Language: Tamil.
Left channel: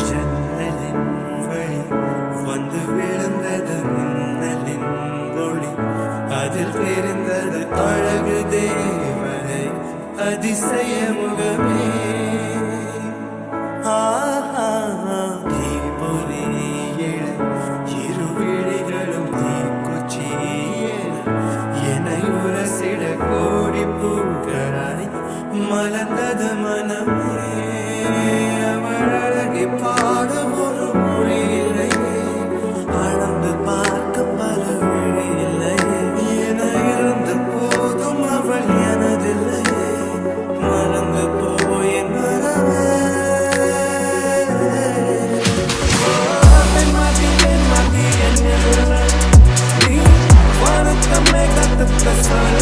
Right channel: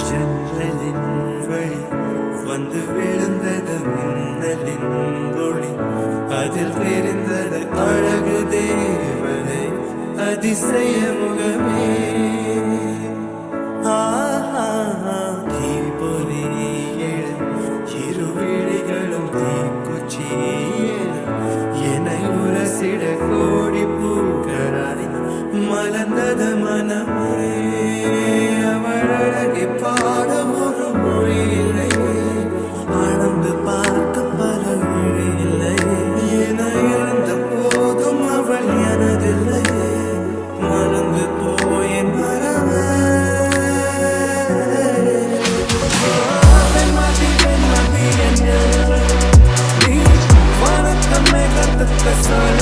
ஜன்னலின் வழி வந்து விழுந்தது மின்னலின் ஒளி, அதில் தெரிந்தது அழகு தேவதை அதிசய முகமே. ஆஹா தீபொலி எழ இரு விழிகளும் தீக்குச்சி என்னை உரசிட கோடி பூக்களாய் மலர்ந்தது மனமே. அவள் அழகை பாட ஒரு மொழி இல்லையே, அளந்து பார்க்க பல விழி இல்லையே. என இருந்த போதும் அவள் எனதில்லையே, மறந்து போய் என் மனமே. பெண்மாதி என்னில் நீ வானத்தம்மை கத்துக்க சொல்ல